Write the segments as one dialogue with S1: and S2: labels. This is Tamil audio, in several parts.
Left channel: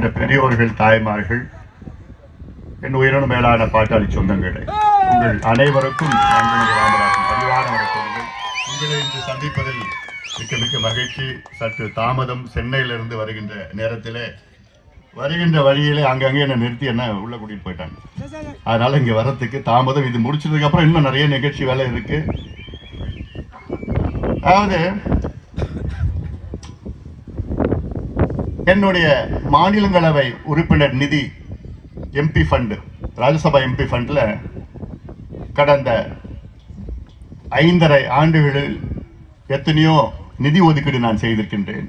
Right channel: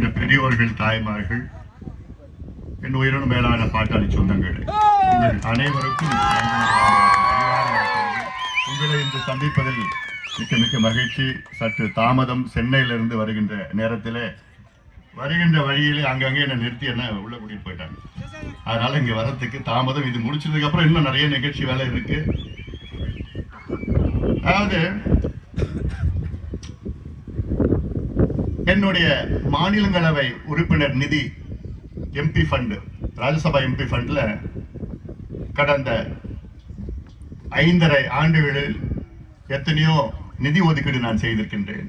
S1: இருக்கின்ற பெரியோர்கள் தாய்மார்கள் என் உயிரின மேலான பாட்டாளி சொந்தங்களே உங்கள் அனைவருக்கும் ராமராஜன் பரிவார வணக்கங்கள். உங்களை இன்று சந்திப்பதில் மிக்க மிக்க மகிழ்ச்சி. சற்று தாமதம் சென்னையிலிருந்து வருகின்ற நேரத்திலே வருகின்ற வழியிலே அங்கங்கே என்னை நிறுத்தி என்ன உள்ள கூட்டிட்டு போயிட்டாங்க. அதனால இங்க வரத்துக்கு தாமதம் இது முடிச்சதுக்கு அப்புறம் இன்னும் நிறைய நிகழ்ச்சி வேலை இருக்கு. அதாவது என்னுடைய மாநிலங்களவை உறுப்பினர் நிதி எம்பி ஃபண்டு ராஜ்யசபா எம்பி ஃபண்டில் கடந்த ஐந்தரை ஆண்டுகளில் எத்தனையோ நிதி ஒதுக்கீடு நான் செய்திருக்கின்றேன்.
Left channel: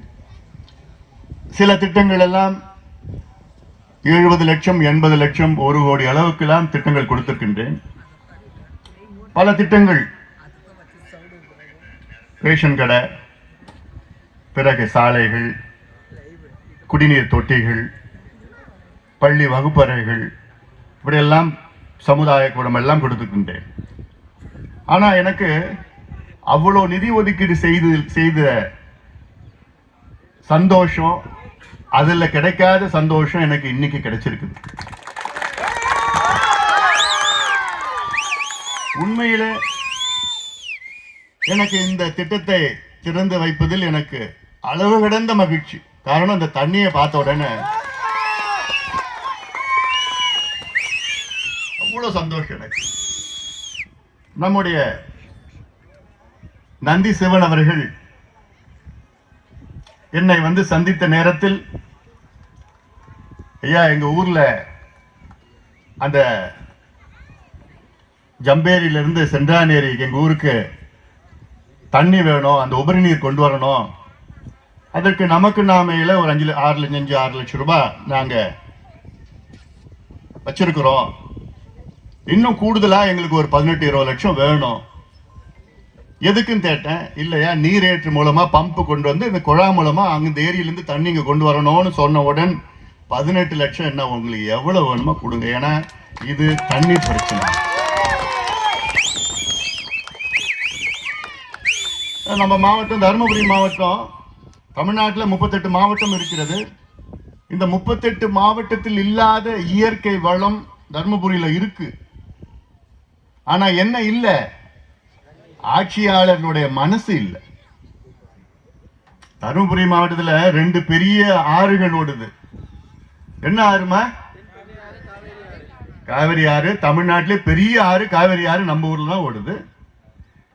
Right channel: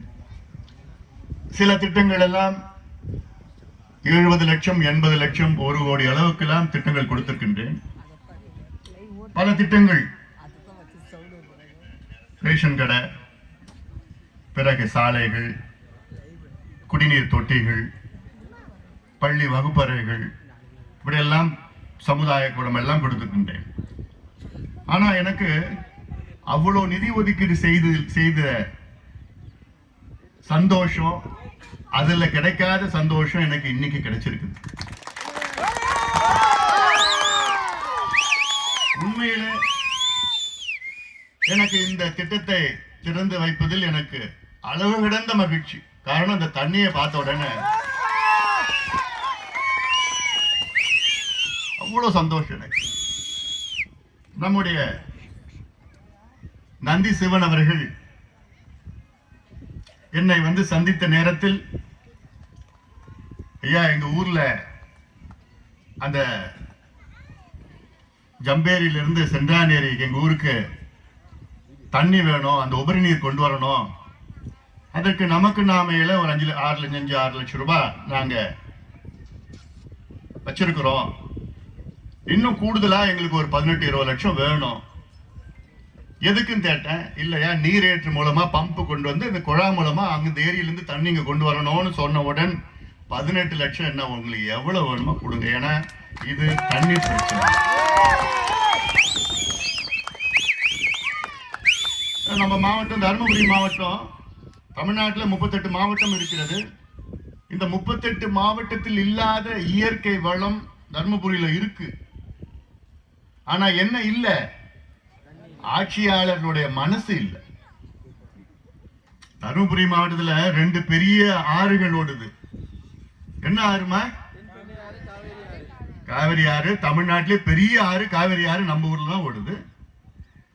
S1: சில திட்டங்கள் எல்லாம் எழுபது லட்சம் எண்பது லட்சம் ஒரு கோடி அளவுக்கெல்லாம் திட்டங்கள் கொடுத்திருக்கின்றேன். பல திட்டங்கள் ரேஷன் கடை பிறகு சாலைகள் குடிநீர் தொட்டிகள் பள்ளி வகுப்பறைகள் இப்படியெல்லாம் சமுதாய கூடம் எல்லாம் கொடுத்துக்கின்றேன் ஆனால் எனக்கு அவ்வளோ நிதி ஒதுக்கீடு செய்து செய்த சந்தோஷம் அதில் கிடைக்காத சந்தோஷம் எனக்கு இன்னைக்கு கிடைச்சிருக்குது. உண்மையில் எனக்கு இந்த திட்டத்தை திறந்து வைப்பதில் எனக்கு அளவு கிடந்த மகிழ்ச்சி. காரணம் இந்த தண்ணியை பார்த்த உடனே அவ்வளோ சந்தோஷம் எனக்கு. நம்முடைய நந்தி சிவன் அவர்கள் என்னை வந்து சந்தித்த நேரத்தில் ஐயா எங்க ஊர்ல அந்த ஜம்பேரியிலிருந்து சென்றானேரி எங்க ஊருக்கு தண்ணி வேணும் அந்த உபரி நீர் கொண்டு வரணும் அதற்கு நமக்கு நாமையில ஒரு அஞ்சு ஆறு லட்சம் அஞ்சு ஆறு லட்சம் ரூபாய் நாங்க வச்சிருக்கிறோம். இன்னும் கூடுதலா எங்களுக்கு ஒரு பதினெட்டு இருபது லட்சம் வேணும். எதுக்குன்னு கேட்டேன் இல்லையா நீரேற்று மூலமா பம்ப் கொண்டு வந்து இந்த குழா மூலமா அங்கே இந்த ஏரியிலிருந்து தண்ணி இங்க கொண்டு வரணும்னு சொன்ன உடன் பதினெட்டு லட்சம் என்ன உங்களுக்கு எவ்வளவு வேணுமோ கொடுங்க. ஏன்னா இது தண்ணீர் பிரச்சனை. நம்ம மாவட்டம் தருமபுரி மாவட்டம் தமிழ்நாட்டில் முப்பத்தெட்டு மாவட்டம் இருக்கிறது. இந்த முப்பத்தெட்டு மாவட்டத்தில் இல்லாத இயற்கை வளம் தர்மபுரியில இருக்கு. ஆனா என்ன இல்ல? ஆட்சியாளர்களுடைய மனசு இல்ல. தருமபுரி மாவட்டத்துல ரெண்டு பெரிய ஆறுகள் ஓடுது. என்ன ஆறுமா? காவிரி ஆறு. தமிழ்நாட்டிலே பெரிய ஆறு காவிரி ஆறு நம்ம ஊர்ல தான் ஓடுது.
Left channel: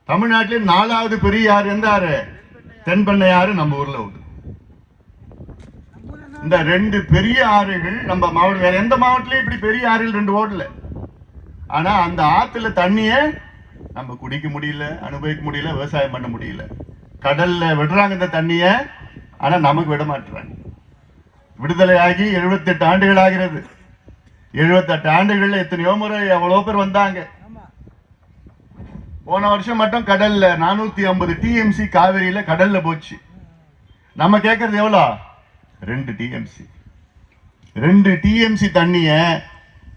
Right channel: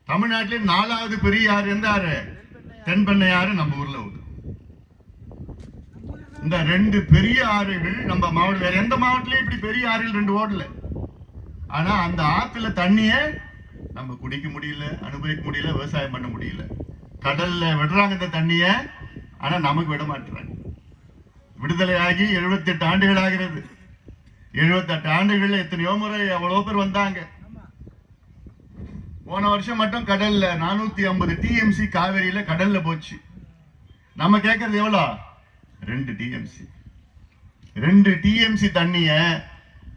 S1: தமிழ்நாட்டிலே நாலாவது பெரிய ஆறு எந்த ஆறு? தென்பெண்ணை ஆறு நம்ம ஊர்ல இந்த ரெண்டு பெரிய ஆறுகள் நம்ம மாவட்டம் வேற எந்த மாவட்டத்திலயும் இப்படி பெரிய ஆறுகள் ரெண்டு ஓடல ஆனா அந்த ஆத்துல தண்ணிய நம்ம குடிக்க முடியல அனுபவிக்க முடியல விவசாயம் பண்ண முடியல. கடல்ல விடுறாங்க இந்த தண்ணிய ஆனா நமக்கு விட மாட்டுறாங்க. விடுதலையாகி 78 ஆண்டுகள் ஆகிறது. 78 ஆண்டுகள்ல எத்தனையோ முறை எவ்வளவு பேர் வந்தாங்க. போன வருஷம் மட்டும் கடல்ல நானூத்தி ஐம்பது டிஎம்சி காவேரியில கடல்ல போச்சு. நம்ம கேட்கறது எவ்வளோ? ரெண்டு டிஎம்சி ரெண்டு டிஎம்சி தண்ணியை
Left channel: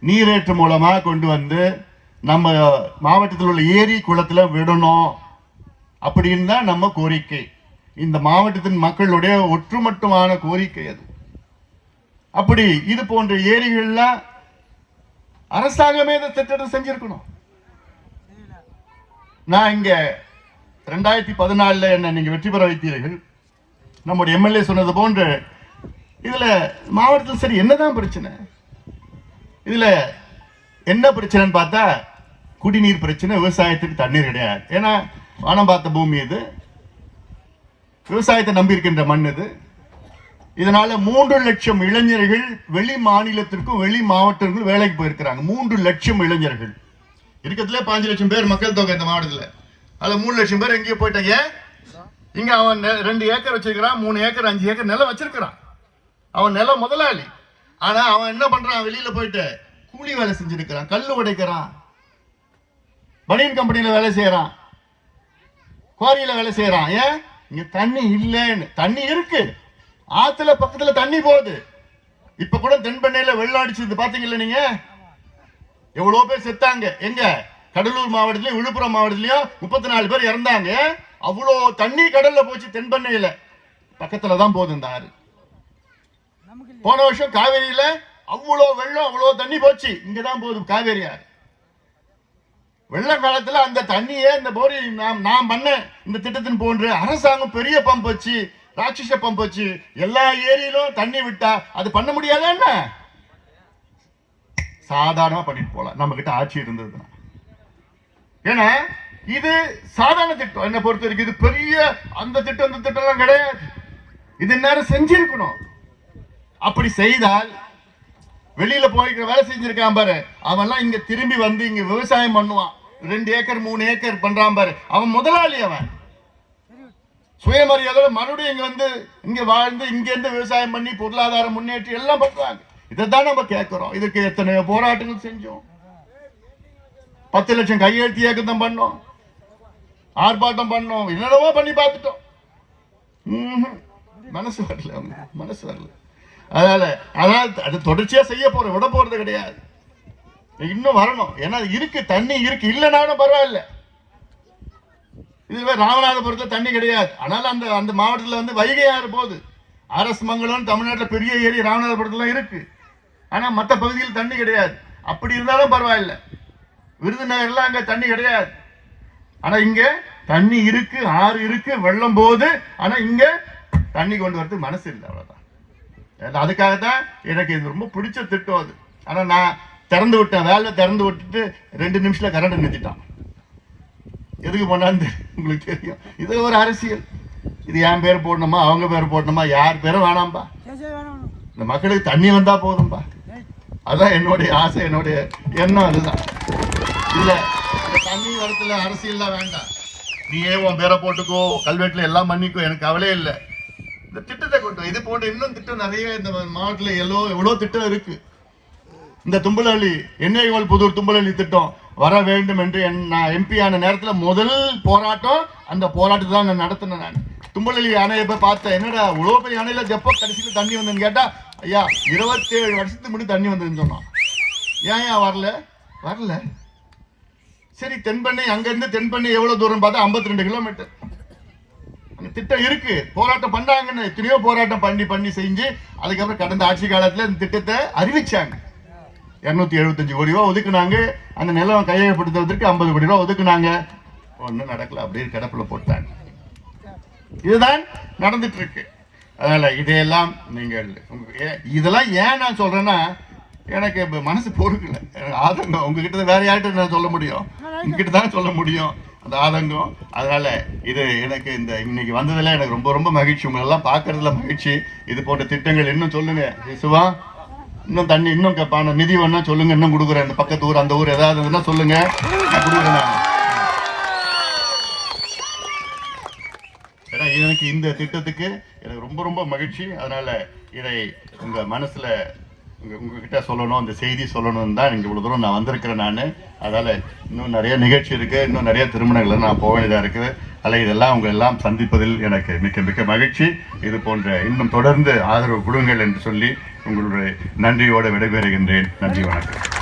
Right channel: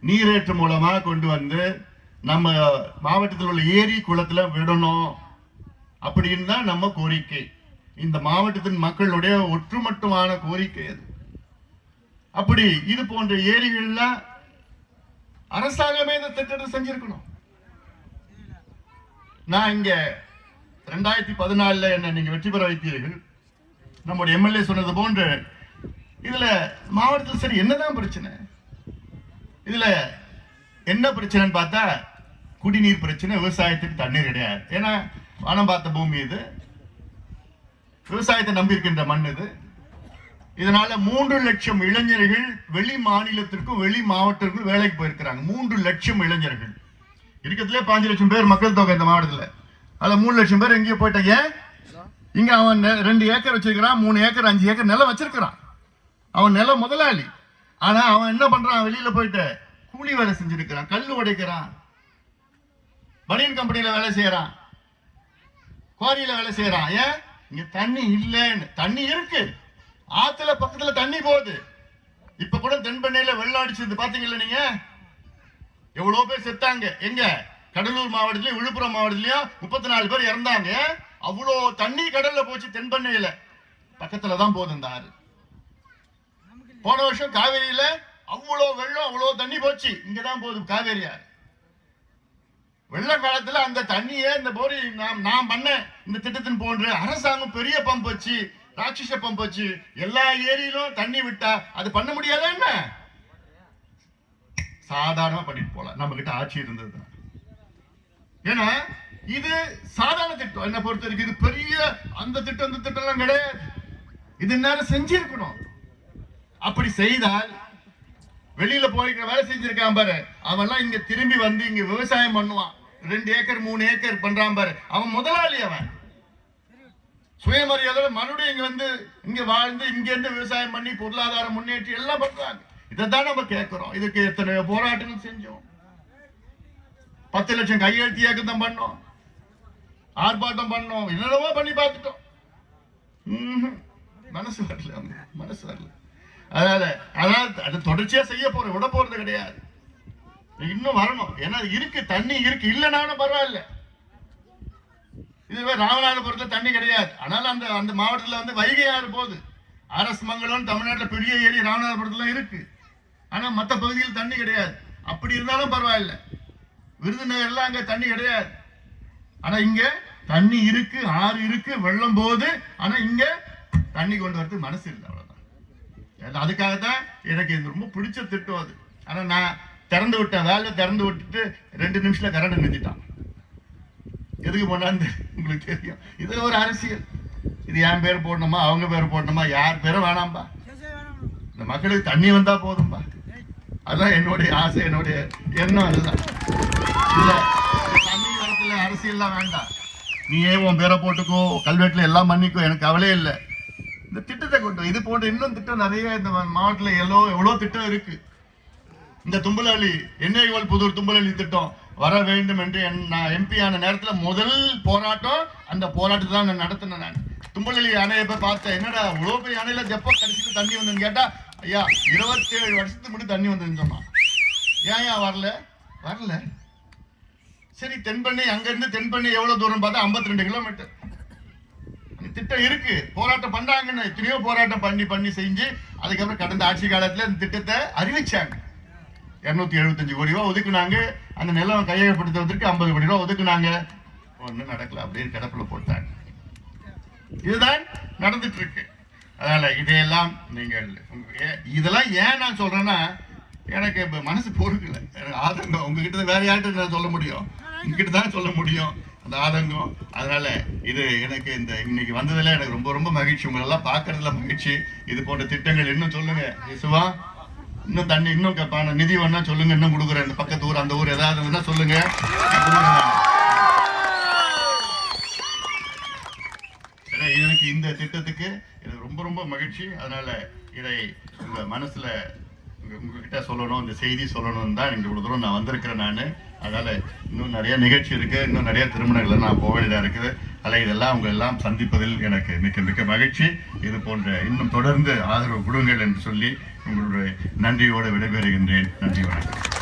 S1: நீரேற்று மூலமாக கொண்டு வந்து நம்ம மாவட்டத்தில் உள்ள ஏரி குளத்தில் விடணும் அப்படின்னு தான் நம்ம கோரிக்கை. இந்த மாவட்டத்தின் மக்களுடைய ஒற்றுமட்டுமான கோரிக்கை அது. அப்படி இது போன்ற ஏரிகள்லாம் அரசாங்கமே இந்த திட்டத்தை செஞ்சிருக்கணும். நான் இங்க ரெண்டாயிரத்தி பதினாலில் என்னை நீங்கள் வெற்றி பெற வைத்தீர்கள். நம்முடைய எம்எல்ஏ சொன்னது போன்று இதுல மாவட்டத்தில் சரி என்னதான் பிரச்சனை? இதுல என்ன பிரச்சனைன்னு பார்த்தா குடிநீர் பிரச்சனை விவசாயத்துக்கு தண்ணீர் கிடையாது. ஏன்னா வானம் பார்த்த பூமி இது. விவசாயத்தை நம்பி இருக்கின்ற மண் இது. இதனால மூன்று லட்சம் இளைஞர்கள் வெளி மாநிலத்திற்கும் வெளி மாவட்டங்களுக்கும் வேலைக்கு போயிருக்கிறாங்க. மூன்று லட்சம் இளைஞர்கள். இருக்கிறதுல பாஞ்சு லட்சம் பேர் மக்கள் தொகை இந்த மாவட்டத்தில். அதில் மூணு லட்சம் பேர் எங்கேயோ போயிட்டாங்க. இங்கே அவன் ரெண்டு ஏக்கர் வச்சிருக்கிறான் மூணு ஏக்கர் அஞ்சு ஏக்கர் நிலம் வச்சிருக்கிறான். அவன் நிலம் முதலாளி. ஆனா அவன் என்ன பண்றான்? வெளியில போயிட்டு கூலி வேலை செஞ்சிருக்கிறான் கல்லு உடைக்கிறான். பனியன் கம்பெனியில வேலை செய்யறான். குவாரியில வேலை செய்யறான். ஏன்? இங்க தண்ணி இல்லைன்னு. தண்ணி இருக்கு. ஆத்துல பக்கத்துல தண்ணி போகுது. இப்ப கூட தென்பெண்ணையில வெள்ளம் அடிச்சது பாத்தீங்கல்ல நீங்க? எவ்வளவு பேர் செத்தாங்க. எங்க? கடலூர் மாவட்டத்திலயும் விழுப்புரம் மாவட்டத்திலயும் முப்பத்தி நாலு பேர் இறந்தாங்க. அவ்வளோ தண்ணி கடல்ல போச்சு தென்பெண்ணையில. பக்கத்துல தான் போகுது இந்த ஆறு. போன வருஷம் காவேரியில அவ்வளோ வெள்ளம் அவ்வளோ தண்ணி போச்சு. இங்கதான் போதும் காவேரியார் வெள்ள காலத்துல அந்த தண்ணியே இந்த போரி நாம் நான் பண்ண இந்த திட்டத்தின் போன்று அரசாங்கம் பெரிய பம்ப் வச்சு ராட்சச பம்ப் வச்சு எல்லா ஏரியிலும் தண்ணி விட்டா அது பண்ண முடியாதா என்ன? சாதாரணமா பண்ணிட்டு போலாம். நம்ம கிட்ட ஆட்சி இருந்ததுதான். ஏன்னா இது சாதாரண திட்டம். என்ன பொறுத்த வரைக்கும் இது பெரிய அந்த திட்டம் இந்த திட்டம் எல்லாம் கிடையாது. இது நேரம் செஞ்சிருக்கணும். அப்படி செய்தால் வெளியில போய்க்கிற வேலை செஞ்சிருக்கான் பாரு. அவன்லாம் இங்க திரும்பி வந்து இங்க விவசாயம் பண்ணுவான். ரெண்டு ஏக்கர் மூணு ஏக்கர் பண்றான் பாரு. அவன் முதலாளி அவன். சுயமரியாதை மறுபடியும் இங்க வந்து இங்க வாழ்ந்து இங்க இருந்து விவசாயம் பண்ணி பொருளாதார முன்னேற்றி எல்லாம் பண்றாங்க. இதைத்தான் நம்ம கேட்கிறோம். இதுக்கு எத்தனை போராட்டங்கள் செஞ்சோம்? பத்து லட்சம் கையெழுத்து இயக்கத்தம் பண்ணோம். ஆர்ப்பாட்டம் பண்ணோம். என்னென்னவோ பண்ணி பார்த்துட்டோம். ம்ஹும். மனசு வரல மனசு வரல. அதனால அதனால அது தொடர்ச்சியா செய்ய போற விட போறது கிடையாது. இன்னும் வரணும். ஏன்னா அது இருக்கு தண்ணி இருக்கு. இல்லைனாலும் பரவாயில்ல. இதுவே ராமநாதபுரத்துல தண்ணி கிடையாது. ஆனாலும் அந்த அந்த மாவட்டத்துல வந்து வைகை ஆறு போகுது. அரசு மங்கலம் தமிழ்நாட்டில் பெரிய ஏரி ராமநாதபுரத்துல இருக்கு. ஆனா மத்த பகுதியில் தண்ணி கிடையாது. அப்படி இருந்தாலும் பரவாயில்ல. விருதுநகர்லாம் அங்கே தண்ணி கிடையாது. ஆனா இங்க தண்ணி இருக்கு ஆறு இருக்கு வெள்ளம் போகுது. ஆனா இங்கே தண்ணி கொண்டு வரதுக்கு மனசு இல்லை அவ்வளோ அது- அதுக்காகத்தான் எனக்கு இது ரொம்ப பிடிச்ச திட்டம் அது. ஆனா நான் திறந்து விட்டேன் வேலை திறந்து விட்டுட்டு ரெண்டு நிமிஷத்துல கரண்ட் நிறுத்திட்டான். எதுக்கு பண்ணான்னு உங்களுக்கு தெரியும். இது ஒரு அரசியல். இது என் பேர் போடணுமா? அவங்க பேர் போடணுமா? யார் பேரும் வேணாம்பா? இந்த மக்களுக்கு தண்ணி வந்தா போதும்பா. அதான் என்னுடைய ஆசை என்னுடைய எண்ணம் அதுதான். இல்ல தண்ணி வரத்துல அரசியல்லாம் வேண்டாம். நீயே உன் பேரை போட்டுக்கோ கல்வெட்டுல எல்லாம் பண்ணிக்கோ எனக்கு கவலையே இல்லை. இந்த திட்டத்தை கொண்டு இது போன்ற இன்னும் திட்டம் நிறைய இந்த மாவட்டத்தில் எவ்வளோ எவ்வளோ திட்டம் இருக்கு. இந்த தும்பலஹள்ளி எண்ணெய்கோல் புதூர் தும்பலி திட்டம் வர வேண்டும் என்று என் நான் எம்பி ஆன நேரத்தில் முதல் போராட்டம் அந்த போராட்டத்தை தான் நான் நடத்தினேன் நான். தும்பலி அணையை போய் பார்த்தேன் என்னடா இவ்வளோ பெரிய அணையில் எப்போ கடைசியில் தண்ணி வந்ததுன்னு கேட்டால் ஐயா இருபத்தேழு வருஷத்துக்கு முன்னாடி தண்ணி வந்ததுன்னு சொன்னான். ஏன் ஏன் வரல? வரல. சரி தென்பண்ணை அங்கேருந்து தென்பண்ணை எவ்வளோ தூரம் பார்த்தா 52 ரெண்டு கிலோமீட்டர் திட்டம் இருக்கு. போராட்டம் பண்ணாங்கன்னு எத்தனையோ போராட்டம் பண்ணி பண்ணி செஞ்சு அதுக்கப்புறம் கடந்த ஆட்சி காலத்துல இந்த திட்டத்தை அறிவிச்சாங்க. இருநூத்தி எழுபத்தஞ்சு கோடி ரூபா ஒதுக்குனாங்க. அந்த நிலம் கையகப்படுத்துறதுக்கு ஐம்பது கோடி ரூபா ஒதுக்குனாங்க. ஒன்றும் நடக்கல. அப்படியே கிடப்புல போட்டாங்க. இதுதான் நடந்துட்டு இருக்கு. அதனால இதையெல்லாம் நீங்கள் ஏ- இதெல்லாம் ஏன் நான் சொல்றேன்னா எனக்கு இப்போ மனசு பொறுக்கல. ஆதங்கம். உங்ககிட்ட வேற யார்கிட்ட நான் சொல்ல முடியும்? உங்ககிட்ட தான் சொல்ல முடியும். அந்த ஆதங்கம். அதனால இது எனக்கு இந்த இன்னைக்கு வந்ததுல எனக்கு ரொம்ப ரொம்ப மகிழ்ச்சி. உங்களெல்லாம் பார்க்கறதுல மகிழ்ச்சி. இது போன்ற திட்டங்கள் இன்னும் சொல்லுங்க. விசுவா இன்னும் தண்ணி இன்னும் கேட்பான நிதி வேணும் சொல்லுங்க. இன்னும் கொடுக்குறேன். இந்த பக்கத்து ஊர் அந்த ஊர் ஏதாவது இருந்தா சொல்லுங்க. நான் கொடுக்குறேன் ஏன்னா எனக்கு இந்த திட்டத்துக்கு எனக்கு ரொம்ப ரொம்ப மகிழ்ச்சி. அதனால இதை உங்க மனசுல உங்ககிட்ட சொல்லணும் இந்த செய்தி சொல்லணும்னு தான் இங்கே இவ்வளோ தூரம் நான் வந்திருக்கிறேன் நான். அதனால் இன்னும் நிறைய நிகழ்ச்சி இருக்குது இன்னும் நிறைய திருமணங்கள் நான் போக வேண்டியதாக இருக்குது அதில் இதெல்லாம் உங்க எல்லாம் சந்திப்பதில் எனக்கு மிக்க மிக்க மகிழ்ச்சி. இது போன்ற இன்னும் தொடர்ந்து ஆதரவு கொடுங்கள் என்று சொல்லி உங்களுடைய நன்றியோடு விடைபெறுகின்றேன். நன்றி வணக்கம்.